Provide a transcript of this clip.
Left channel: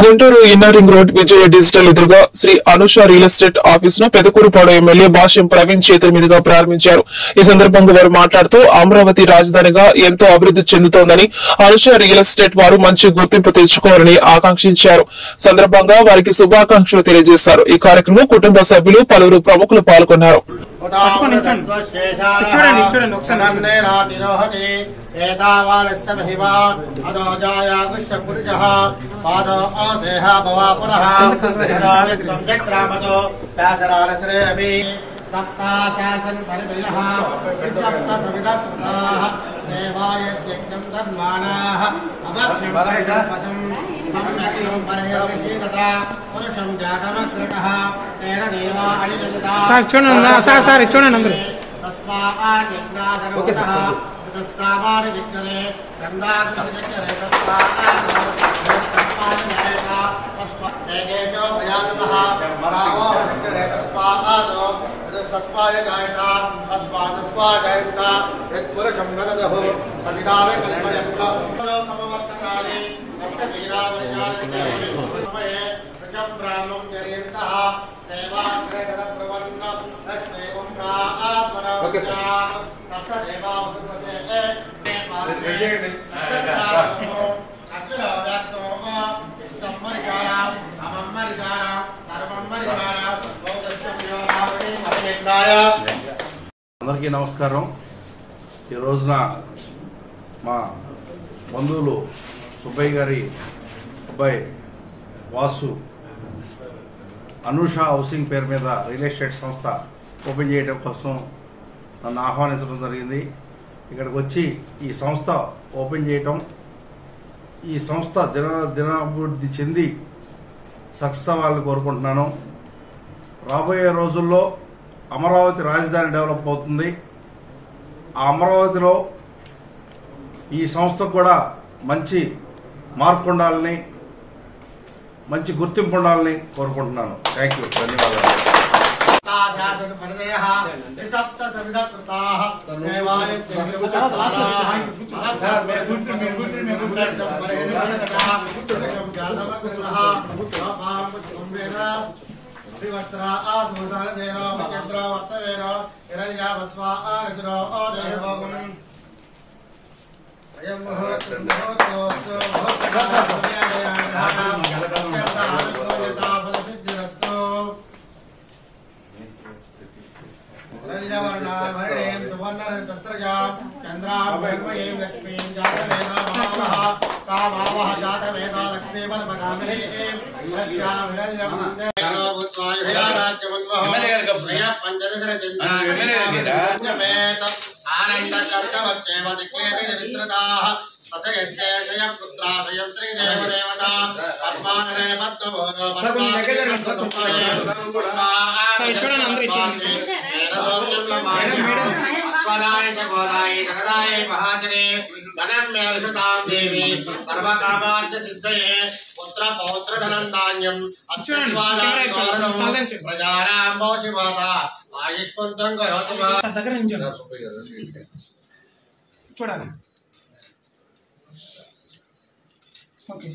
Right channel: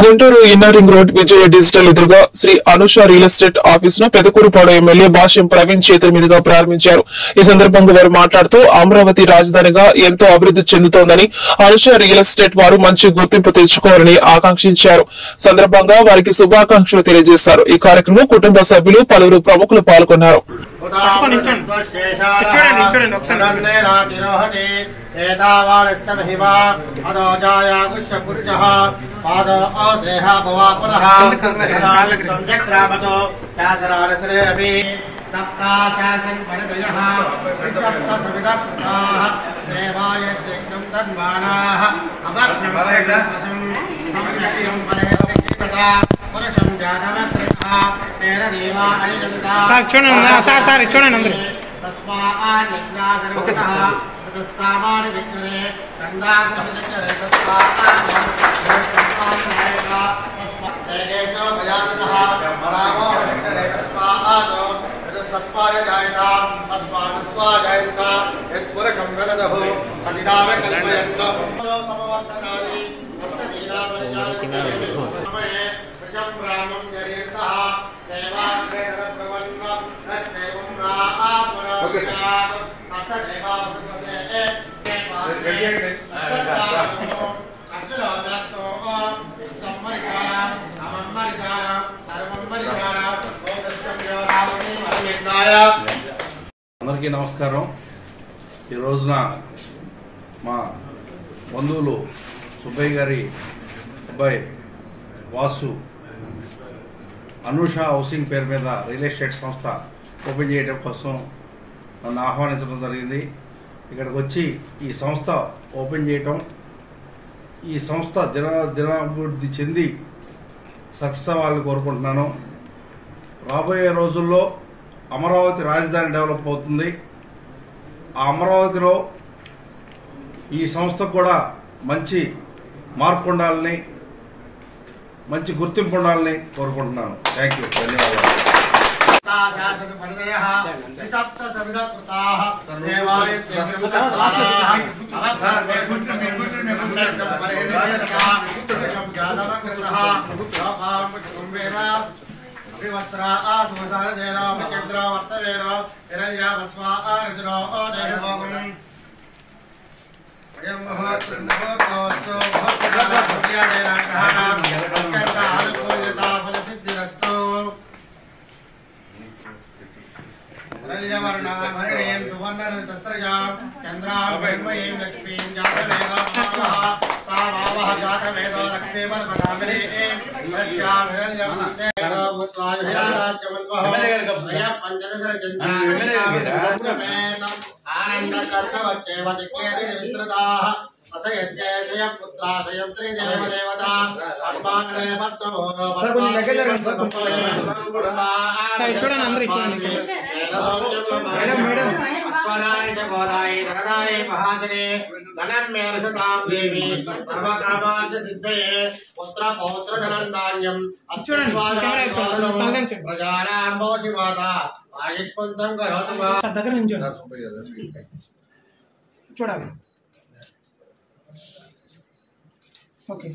Guntur inner ring road Vijaya digital ఎదురుగా Sri Anusha real estate office ను Pedakurapadu MLA భాష్యం ప్రవీణ్ చేతుల మీదుగా ప్రారంభించారు. ఈ సందర్భంగా వారు మాట్లాడుతూ అమరావతి రాజధానిగా ఎంతో అభివృద్ధి చెందుతోందని, అనుష రియల్ ఎస్టేట్ వారు మంచి గుర్తింపు తెచ్చుకోవాలని ఆకాంక్షించారు. సందర్భంగా వారికి శుభాకాంక్షలు తెలియజేశారు. ఈ కార్యక్రమంలో కుటుంబ సభ్యులు పలువురు ప్రముఖులు పాల్గొన్నారు. అందరికీ నమస్కారం. ఈ రోజున మా బంధువులు సుబ్బయ్య గారి అబ్బాయి వాసు అనూష హౌసింగ్ పేరు మీద రియల్ ఎస్టేట్ సంస్థ ఓపెన్ చేయడం కోసం నన్ను ఆహ్వానించడం జరిగింది. ఇక్కడికి వచ్చి ఈ సంస్థ ఓపెన్ చేయటం, ఈ సంస్థ దినాభివృద్ధి చెంది సక్సెస్ అవ్వాలని కోరుకుంటున్నాను. రాబోయే రోజుల్లో అమరావతి రాజధాని డెవలప్ అవుతుంది. ఆ అమరావతిలో ఈ సంస్థకు కూడా మంచి మార్పు ఉండాలని, మంచి గుర్తింపు ఉండాలని కోరుకుంటున్నాను. థ్యాంక్ యూ, ధన్యవాదాలు. చూడాలి. ఓకే.